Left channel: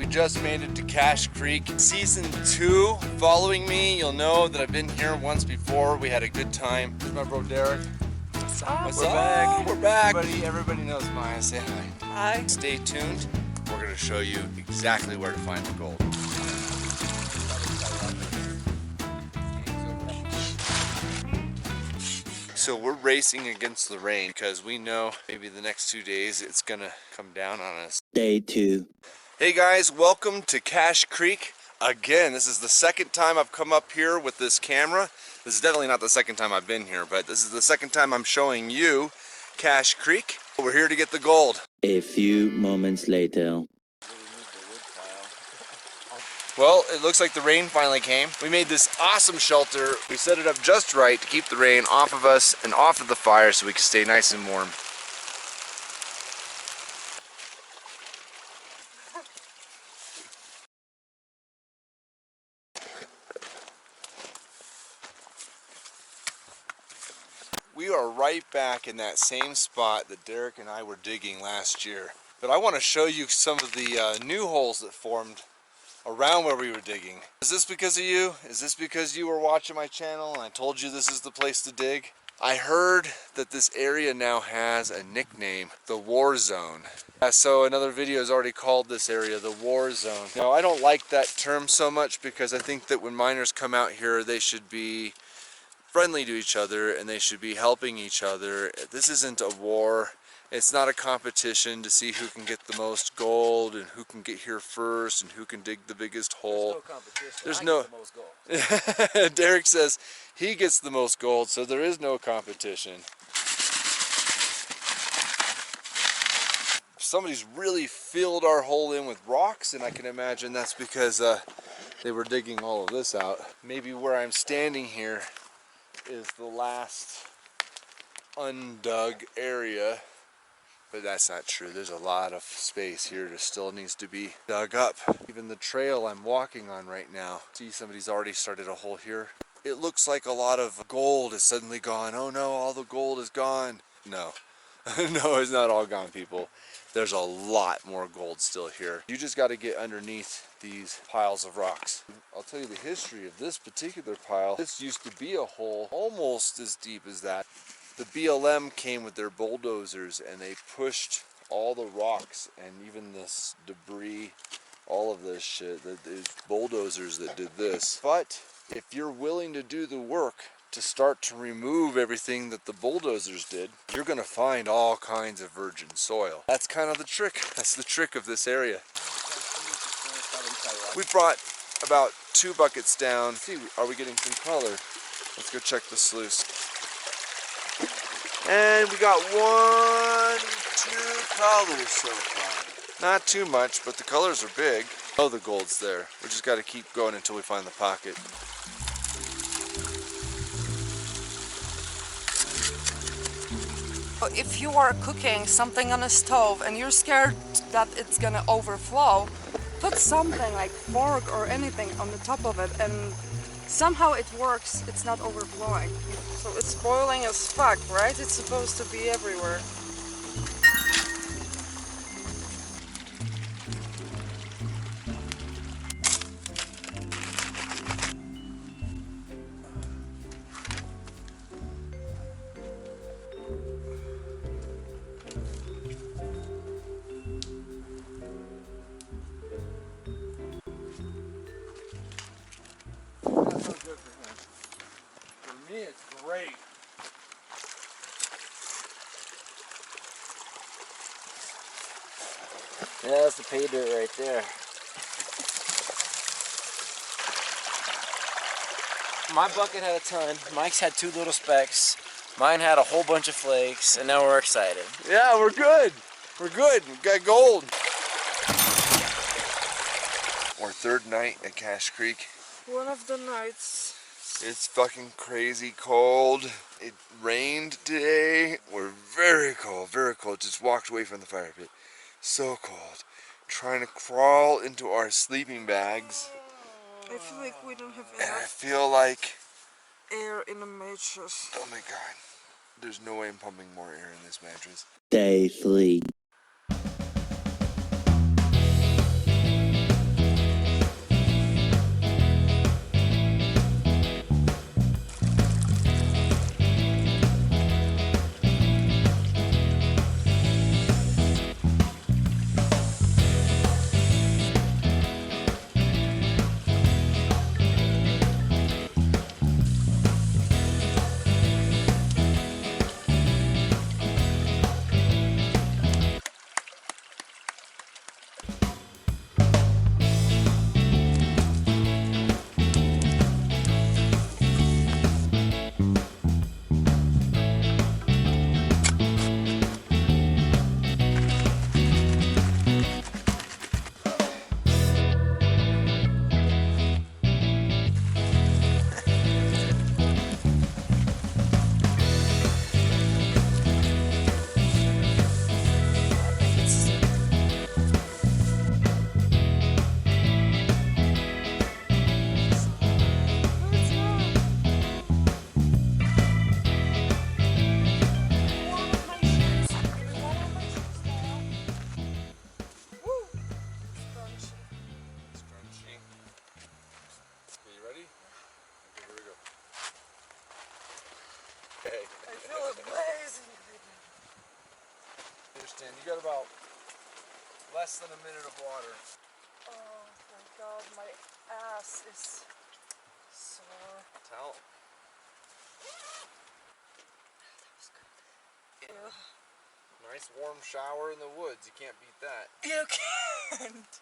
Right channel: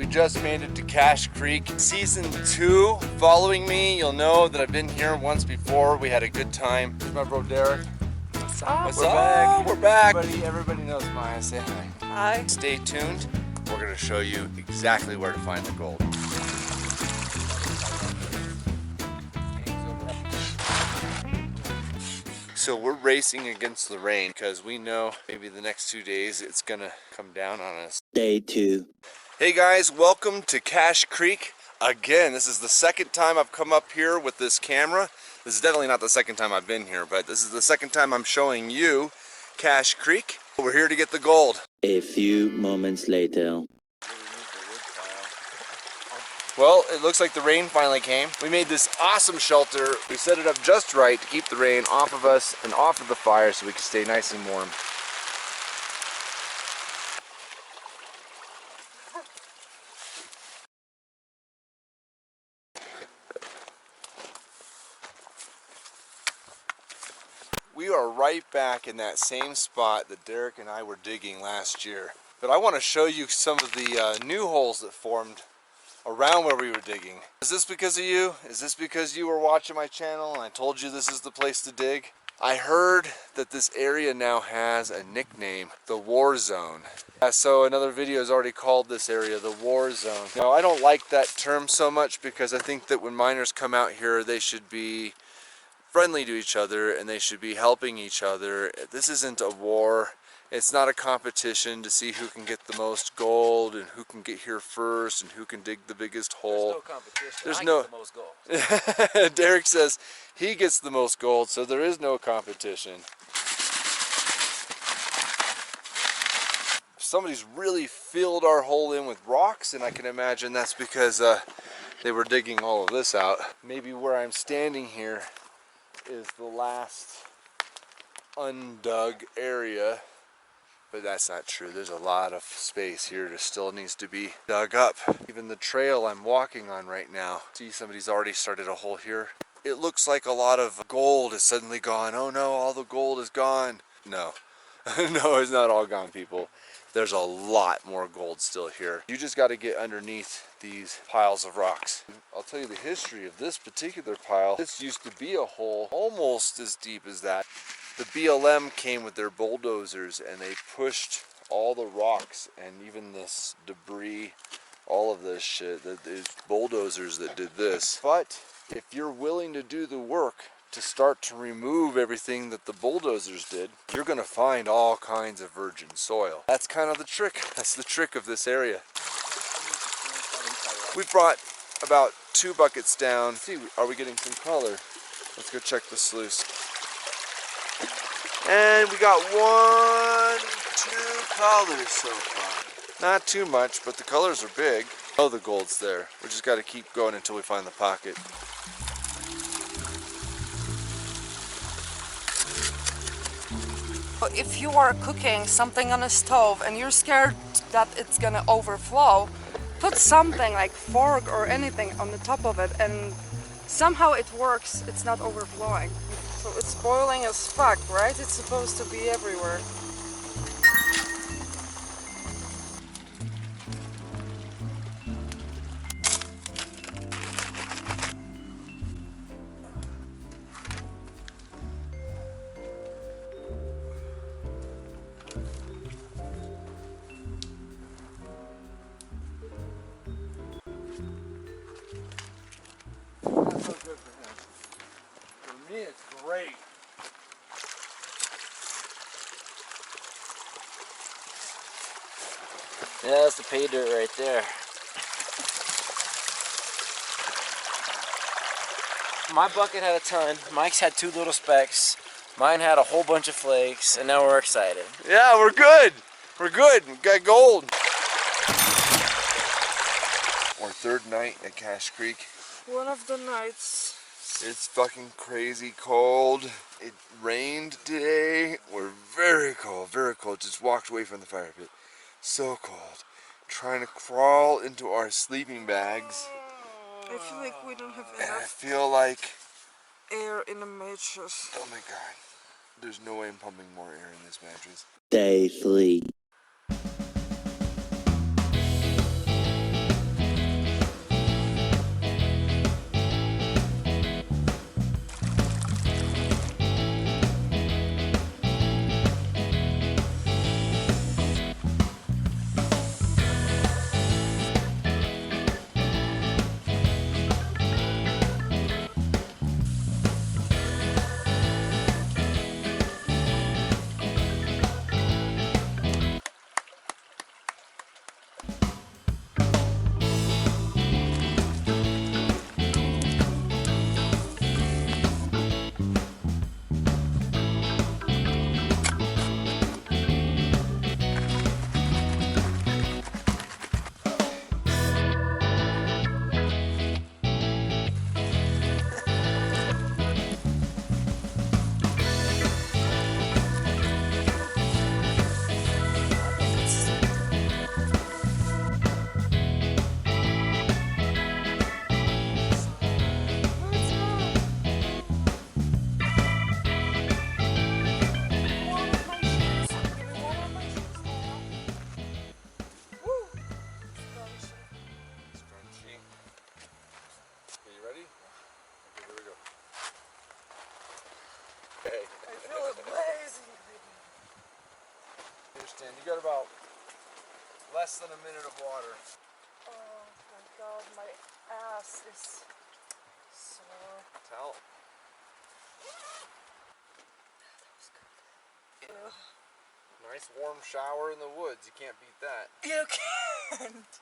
we just made it to Cache Creek. Season 2. Following me, you'll know that I've been here once before. We had a good time. Here's my bro Derek. What's up? What's We're up? back. We're back. Everybody knows Maya. Say hi. Hi. Stay tuned. We're going to show you exactly where to find the gold. So we're racing against the rain because we know maybe the next 2 days it's gonna come down on us. Day 2. Hey guys, welcome to Cache Creek. Again, this is the second time I've come up here with this camera. This is definitely not the second time I've been here, but this is the second time I'm showing you Cache Creek. We're here to get the gold. A few moments later. Well, it looks like the rain finally came. We made this awesome shelter. We set it up just right to keep the rain off of us and off of the fire so we can stay nice and warm. We are right back in that same spot that Derek and I were digging last year. But I want to show you some of the new holes that formed around where we were digging. Is this because of you? Is this because you were watching my channel and I told you this is the place to dig? I heard that this area now has a nickname, the Warzone. So another video has already called this area the Warzone. Now I don't like that term so much because I think that when miners come out here they should be friendly to each other and they should be helping each other. This isn't a war. It's not a competition to see who can get the most gold and who can get here first and who can dig the biggest hole. There's no competition. There's I no get the most gold. Derek says he gets the most gold, so there is no competition. Somebody's really filled our hole in with rocks, and I can imagine that's because they were digging all of this out. Maybe where I'm standing here is the last undug area. But that's not true. There's a lot of space here that still needs to be dug up. Even the trail I'm walking on right now. See, somebody's already started a hole here. It looks like a lot of gold is suddenly gone. Oh no, all the gold is gone. No. No, it's not all gone, people. There's a lot more gold still here. You just got to get underneath these piles of rocks. I'll tell you the history of this particular pile. This used to be a hole almost as deep as that. The BLM came with their bulldozers and they pushed all the rocks and even this debris, all of this shit. There's bulldozers that did this. But if you're willing to do the work to start to remove everything that the bulldozers did, you're gonna find all kinds of virgin soil. That's kind of the trick. That's the trick of this area. We brought about 2 buckets down. See, are we getting some color? Let's go check the sluice. And we got 1, 2 colors so far. Not too much, but the colors are big. Oh, the gold's there. We just got to keep going until we find the pocket. If you are cooking something on a stove and you're scared that it's gonna overflow, put something like fork or anything on the top of it and somehow it works, it's not overflowing. So it's boiling as fuck, right? It's supposed to be everywhere. Not so good for him. For me, it's great. Yeah, that's the pay dirt right there. My bucket had a ton. Mike's had 2 little specks. Mine had a whole bunch of flakes, and now we're excited. Yeah, we're good. We're good. We got gold. Our 3rd night at Cache Creek. One of the nights. It's fucking crazy cold. It rained today. We're very cold, very cold. Just walked away from the fire pit. So cold. Trying to crawl into our sleeping bags. I feel like we don't have And I enough feel like, air in the mattress. oh my god, there's no way I'm pumping more air in this mattress. Day 3. feel amazing. Understand? You got about less than a minute of water. Oh my god, my ass is sore. Tell. That was good. Ew. Nice warm shower in the woods. You can't beat that. You can't.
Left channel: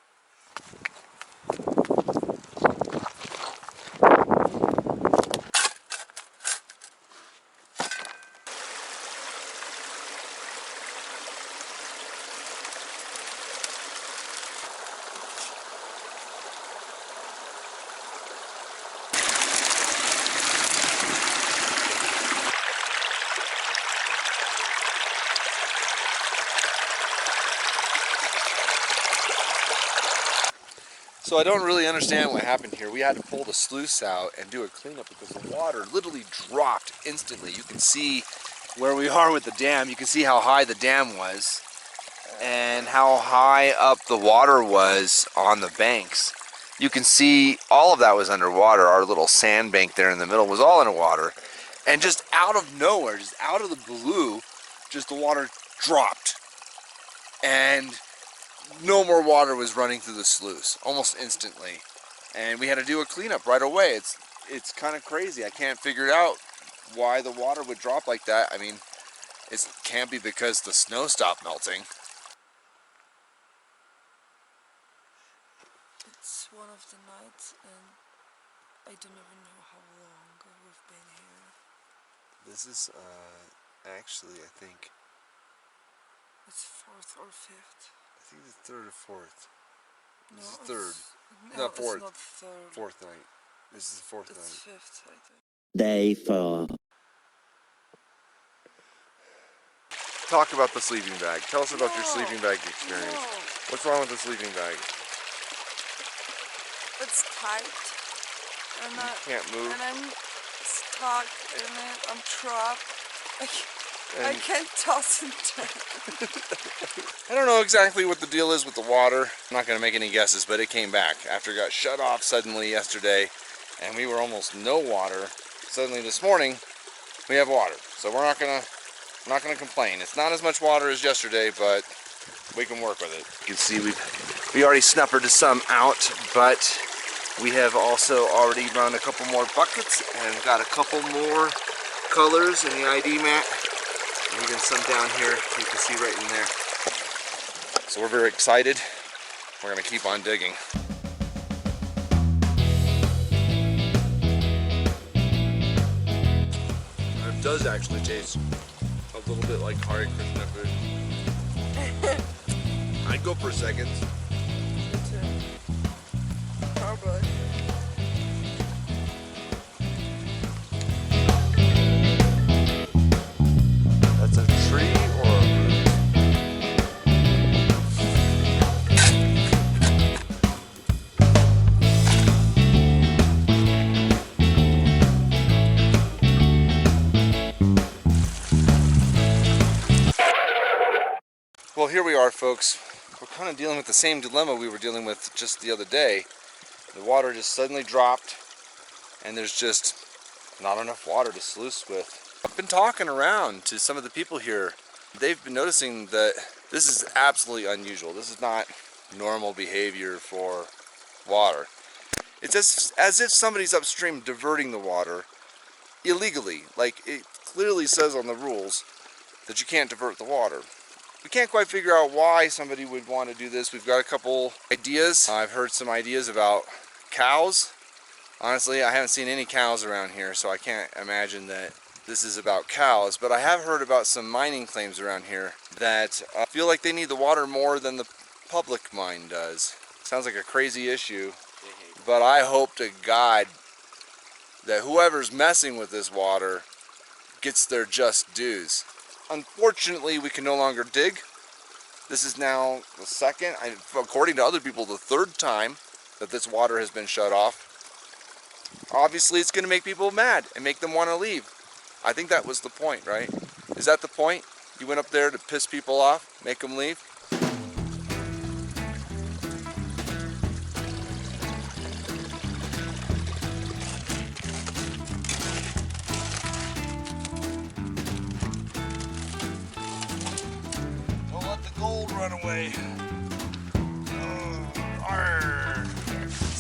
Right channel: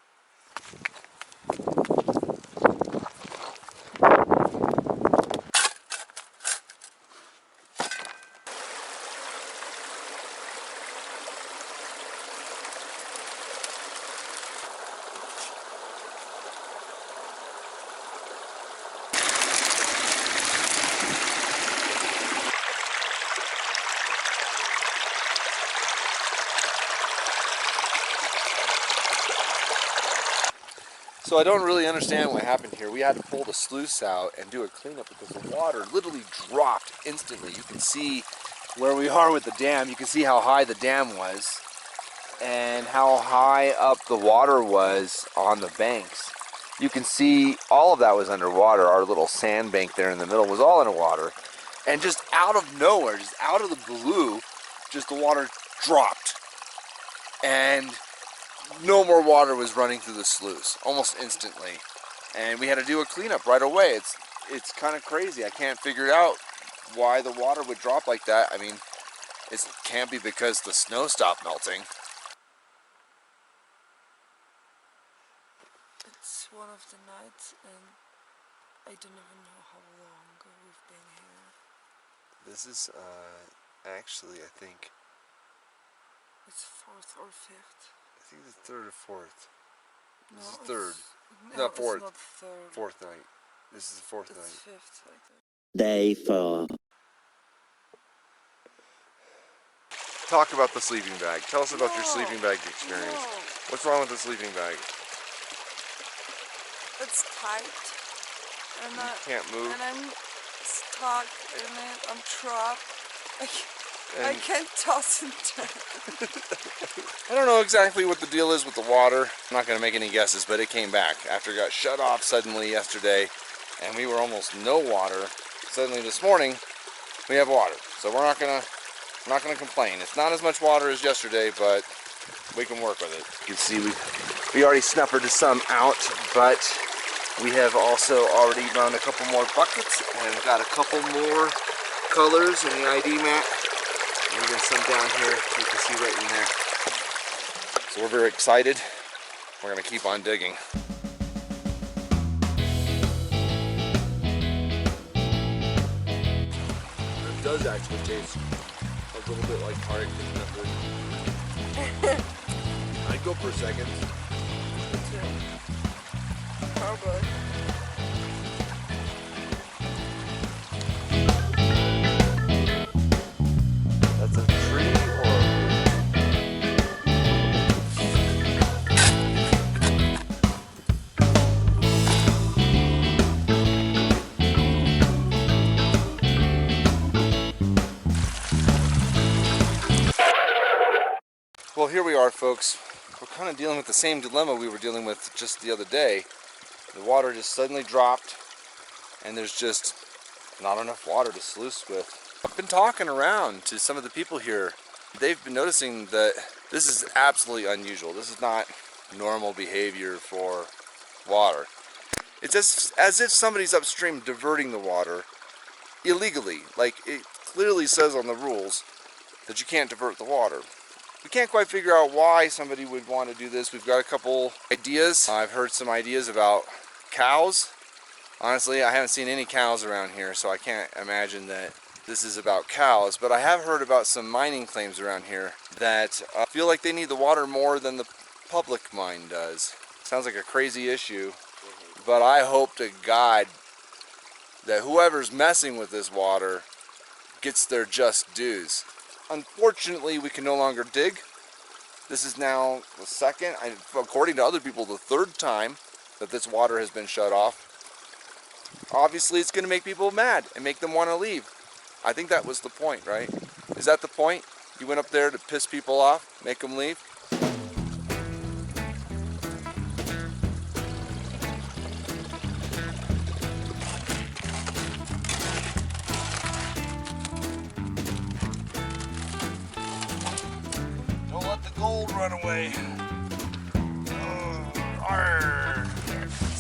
So I don't really understand what happened here. We had to pull the sluice out and do a cleanup because the water literally dropped instantly. You can see where we are with the dam. You can see how high the dam was and how high up the water was on the banks. You can see all of that was underwater. Our little sand bank there in the middle was all underwater. And just out of nowhere, just out of the blue, just the water dropped. And no more water was running through the sluice almost instantly, and we had to do a cleanup right away. It's kind of crazy. I can't figure out why the water would drop like that. I mean, it can't be because the snow stopped melting. It's one of the nights and I don't even know how long we've been here. This is actually, I think It's 4th or 5th. I think the 3rd or 4th. No, This is 3rd. No, No, 4th. It's not 3rd. 4th night. This is the 4th It's night. 5th, I think. Day 4. Talk about the sleeping bag. Tell us about your No. sleeping bag experience. No, What's wrong with the sleeping bag? it's tight, and Can't move. and I'm stuck in it. I'm trapped. I And can't toss and turn. I don't know exactly what the deal is with the water. I'm not going to make any guesses, but it came back after it got shut off suddenly yesterday, and we were almost no water. Suddenly this morning, we have water, so we're not gonna complain. It's not as much water as yesterday, but we can work with it. You can see we already snuffered some out, but we have also already run a couple more buckets and got a couple more colors in the ID mat. And even some down here you can see right in there. So we're very excited. We're gonna keep on digging. It does actually taste a little bit like Hare Krishna food. I'd go for seconds. Me too. Probably. That's a tree or a root? Well, here we are, folks. We're kind of dealing with the same dilemma we were dealing with just the other day. The water just suddenly dropped, and there's just not enough water to sluice with. I've been talking around to some of the people here. They've been noticing that this is absolutely unusual. This is not normal behavior for water. It's as if somebody's upstream diverting the water illegally. Like, it clearly says on the rules that you can't divert the water. We can't quite figure out why somebody would want to do this. We've got a couple ideas. I've heard some ideas about cows. Honestly, I haven't seen any cows around here, so I can't imagine that this is about cows. But I have heard about some mining claims around here that feel like they need the water more than the public mine does. Sounds like a crazy issue, but I hope to God that whoever's messing with this water gets their just dues. Unfortunately, we can no longer dig. This is now the second, according to other people, the third time that this water has been shut off. Obviously, it's going to make people mad and make them want to leave. I think that was the point, right? Is that the point? You went up there to piss people off, make them leave? run away.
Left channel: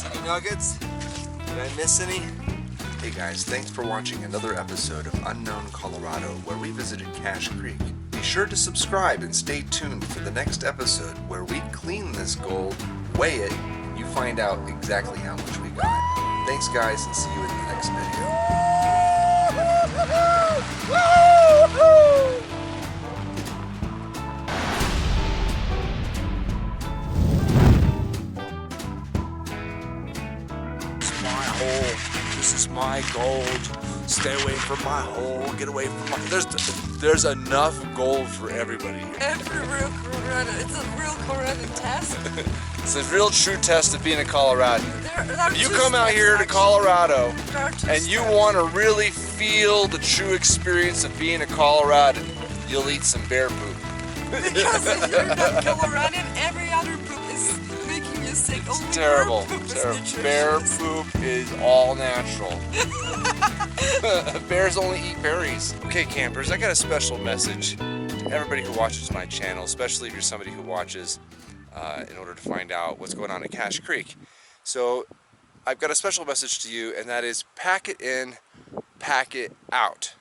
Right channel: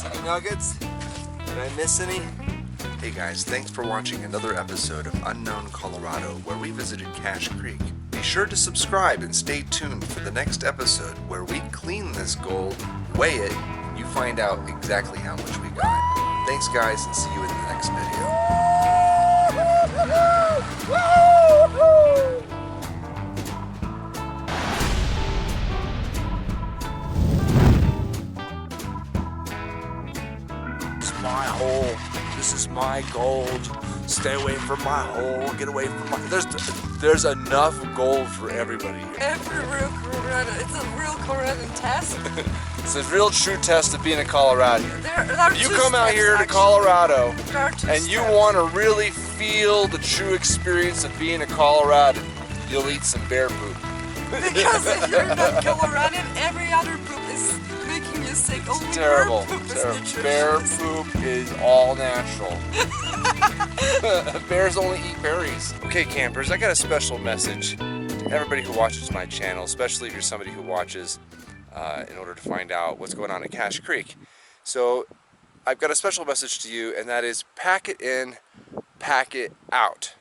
Any nuggets? Did I miss any? Hey guys, thanks for watching another episode of Unknown Colorado, where we visited Cache Creek. Be sure to subscribe and stay tuned for the next episode where we clean this gold, weigh it, and you find out exactly how much we got. Thanks guys, and see you in the next video. My hole. This is my gold. Stay away from my hole. Get away from my. There's enough gold for everybody here. Every real Colorado, it's a real Colorado test. It's a real true test of being a Coloradan. There are If you two come out steps, here to actually. Colorado There are two and you steps. want to really feel the true experience of being a Coloradan, you'll eat some bear poop. Because if you're not Coloradan, every other poop is making you sick. Only Terrible. bear poop is Terrible. nutritious. Bear poop is all natural. Bears only eat berries. Okay, campers, I got a special message to everybody who watches my channel, especially if you're somebody who watches in order to find out what's going on at Cache Creek. So I've got a special message to you, and that is pack it in, pack it out.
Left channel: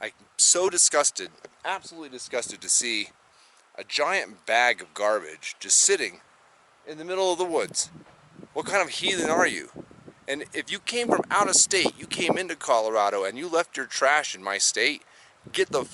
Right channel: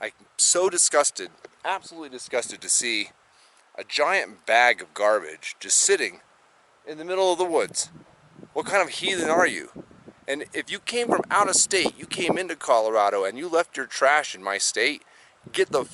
I'm so disgusted, absolutely disgusted to see a giant bag of garbage just sitting in the middle of the woods. What kind of heathen are you? And if you came from out of state, you came into Colorado and you left your trash in my state, get the fuck